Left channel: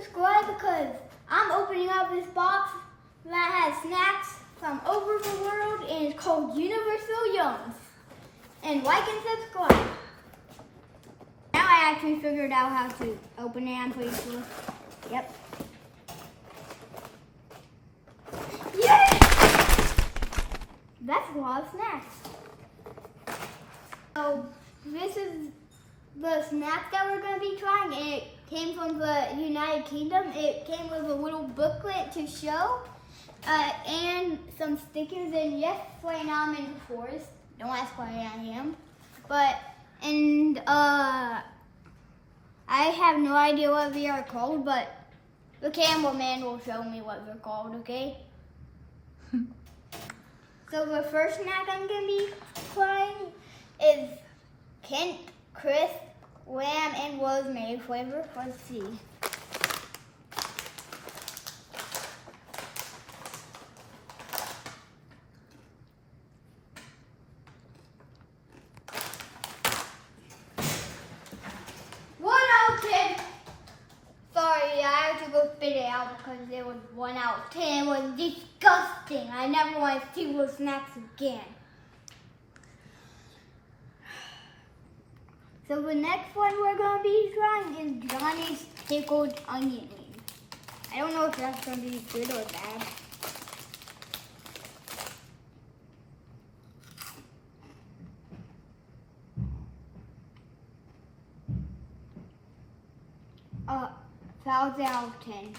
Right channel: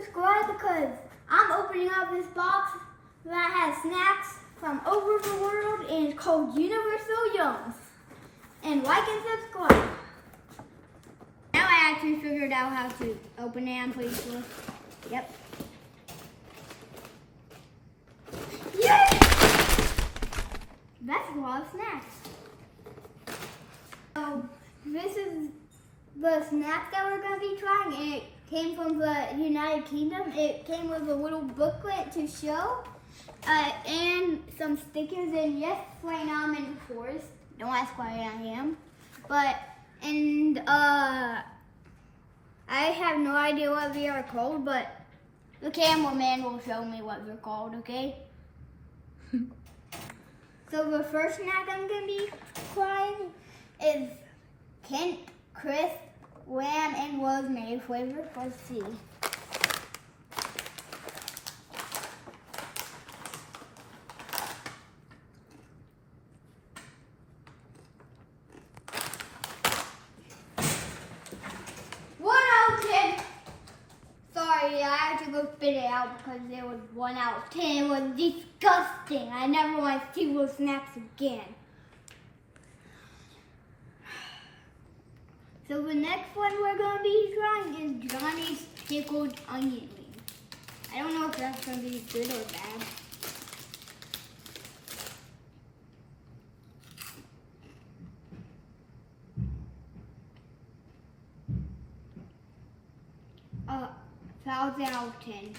subscribe because I'm opening up this box that has snacks from over the world and it's called Universal Yums. And like and subscribe. Now I actually figured out how to open it. I'm pretty sure. Yep. Yay! That's a lot of snacks. So this is the snack that we're going to be trying, and it came from the United Kingdom. It came with a little booklet to show, and some stickers, and yes, right now I'm in the forest. Don't ask why I am. I have no idea what they are called, but the cameraman will show me what they're called, okay? So the first snack I'm going to be trying is Kent Crisp Lamb and Rosemary flavor. Let's see. Sorry, I had to go spit it out because there was 1 out of 10. It was disgusting. I never want to see those snacks again. So the next one we're going to be trying is Johnny's Pickled Onion Rings. I don't know if that's going to be good or bad. Uh, 1,000 out of 10.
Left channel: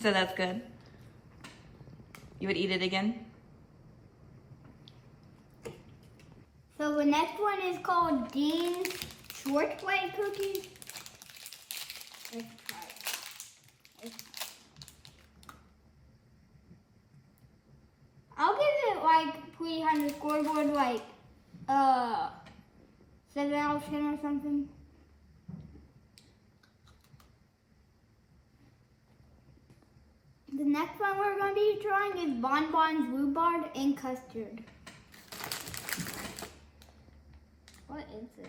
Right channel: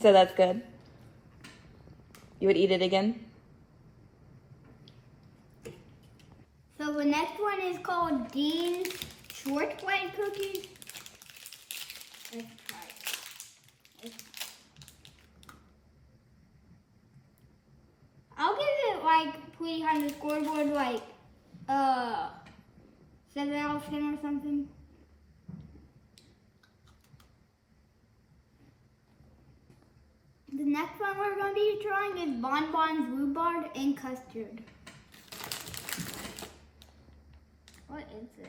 So that's good. You would eat it again? So the next one is called Dean's Shortbread Cookies. Let's try it. I'll give it like pretty on the scoreboard, like 7 out of 10 or something. The next one we're going to be trying is Bonbons Rhubarb and Custard. What is this?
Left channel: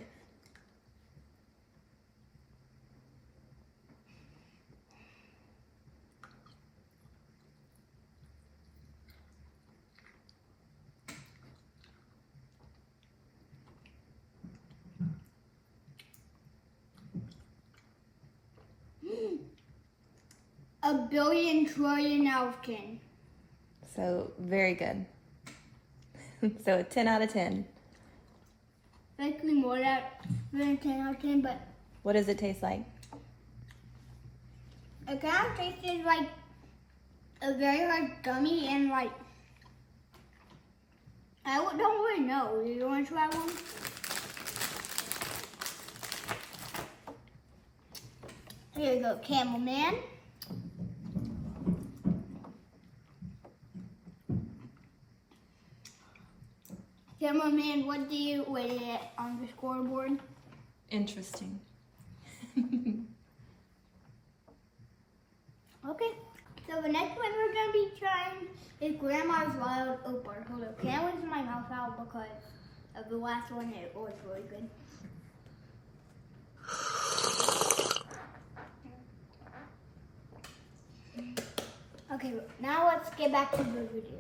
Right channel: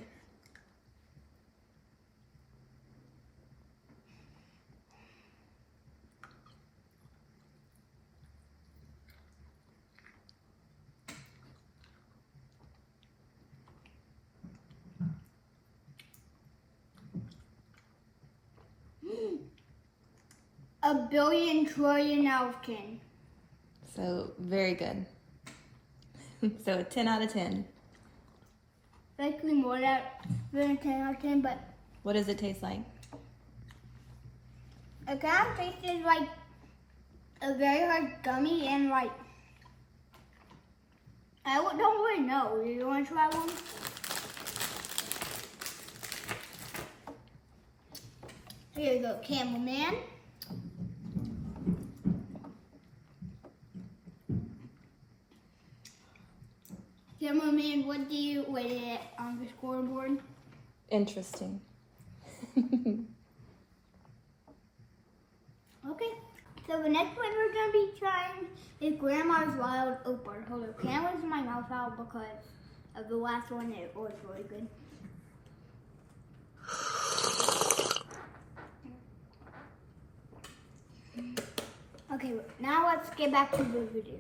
A billion trillion out of 10. So very good. So a 10 out of 10. Basically more than a 10 out of 10, but What does it taste like? it kind of tastes like a very hard gummy and like, I don't really know. Do you want to try one? Here you go, Camel Man. Cameraman, what do you rate it on the scoreboard? Interesting. Okay, so the next one we're going to be trying is Grandma's Wild Opal. Hold on, can't rinse my mouth out because of the last one. It was really good. Okay, now let's get back to the video.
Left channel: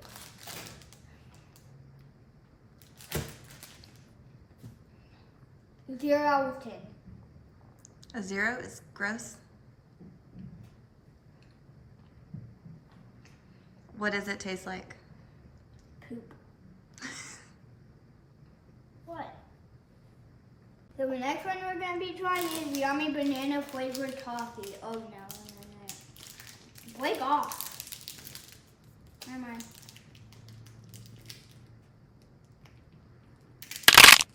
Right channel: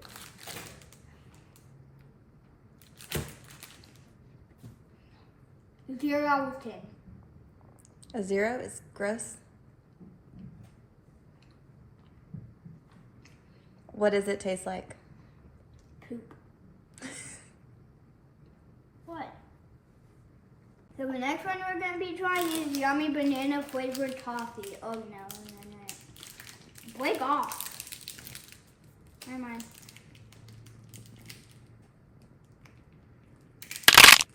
Zero out of 10. A 0 is gross. What does it taste like? Poop. What? So the next one we're going to be trying is yummy banana flavored toffee. Oh no. Break off. Never mind.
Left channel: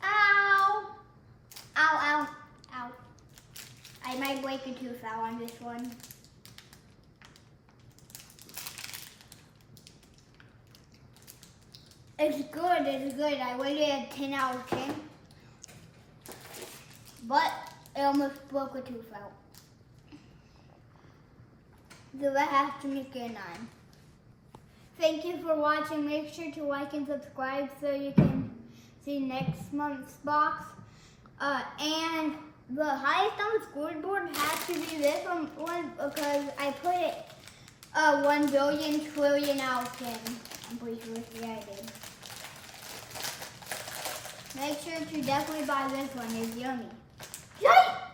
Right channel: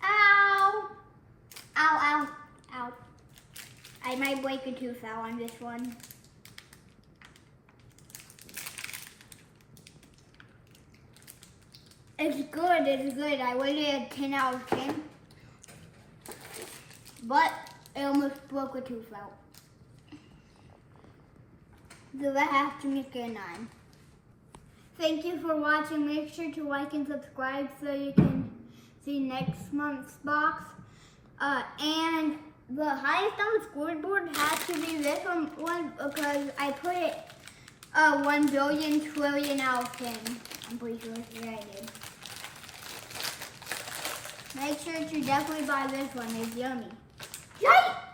Ow! Ow, ow, ow. I might break a tooth out on this one. It's good, it's good. I rated it a 10 out of 10. But it almost broke a tooth out. So I have to make it a 9. Thank you for watching. Make sure to like and subscribe so you can see next month's box. And the highest on the scoreboard has to be this one because I put it 1 billion trillion out of 10. I'm pretty sure. Yeah, I did. Make sure to definitely buy this one. It's yummy. Yay!